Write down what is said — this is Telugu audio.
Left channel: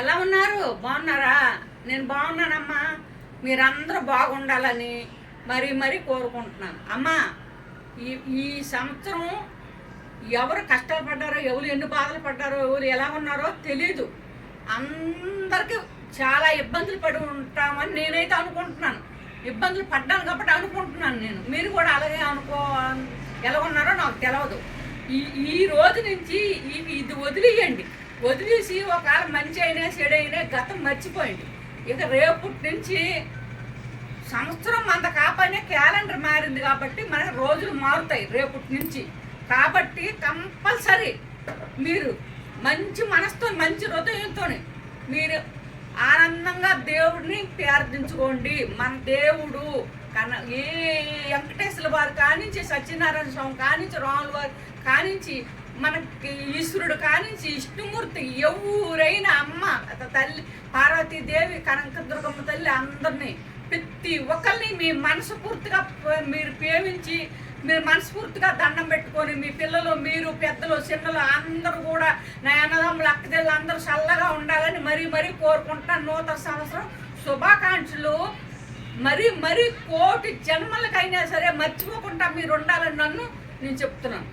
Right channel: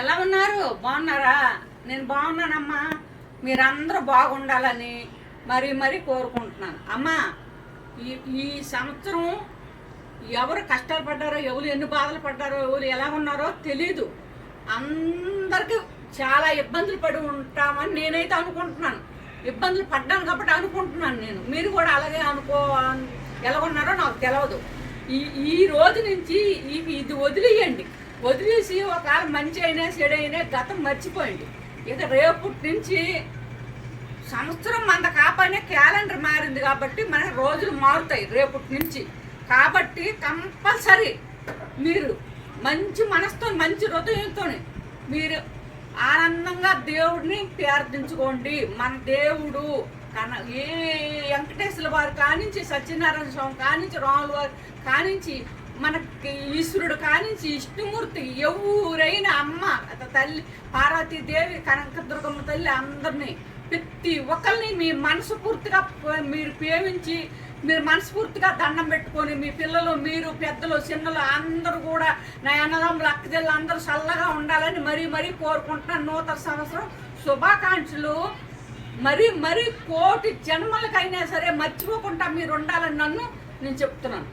ఎలా ఉన్నారు? బాగున్నారా? నేను బాగున్నానమ్మా. మీరందరూ బాగుండాలని మరీ మరీ కోరుకుంటున్నాను అమ్మా. ఈ ఈ సంవత్సరం ఎవరు కష్టాలు పడ్డారో, ఎవరు ఎన్ని బాధలు పడ్డారో, ఎవరు ఎలా ఉన్నారో తెలీదు. అందరికీ చాలా ఇబ్బందులు పడి ఉంటామని నేనైతే అనుకుంటున్నాను. ఇబ్బందులు పడ్డాను కాబట్టి అనుకుంటున్నాను నేను. మీరు కూడా అలాగే ఎలా ఉన్నారో నాకు తెలియదు. ఈ రోజు నుంచి ఇది వదిలేయండి. వదిలేసి ఒకవేళ మంచి అయినా చెడైనా గతం మర్చిపోయింది. ఇక రేపటి నుంచి సంవత్సరం మన కాపాడిన క్యాలెండర్ మారింది కాబట్టి మన రోజులు మారుతాయి రేపటి నుంచి. కాబట్టి కంపల్సరీ మీరు మంచి మనసుతో, మంచి హృదయంతో మీరు ఆనందంగా దేవుడిని ప్రార్థించుకోండి. మన దేవుడు ఏ వెంకటేశ్వర వారు కానించి, సత్యనారాయణ స్వామి కానించి, రాముల వారు కానించి, మనకి ఈశ్వరుడు కానించి, విష్ణుమూర్తి, ఎవరైనా అమ్మ తల్లి పార్వతీదేవి, కనకదుర్గమ్మ తల్లి అందరినీ ప్రతి ఒక్కరిని మీ మనస్ఫూర్తిగా మీరు ప్రేమించి, మీరు మనస్ఫూర్తిగా దండం పెట్టుకొని, మీ పిల్లలు, మీరు పెద్దలు, చిన్నలు అందరూ కూడా నా అన్నదమ్ములు, అక్కజల్లు అందరూ చల్లగా ఉండాలని మరీ మరీ కోరుకుంటున్నాను. నూతన సంవత్సరం శుభాకాంక్షలు. మరీ కోటి జన్మలకైనా సరే మర్చిపోకుండా మీరు ఉండాలని నేను చెప్తున్నాను.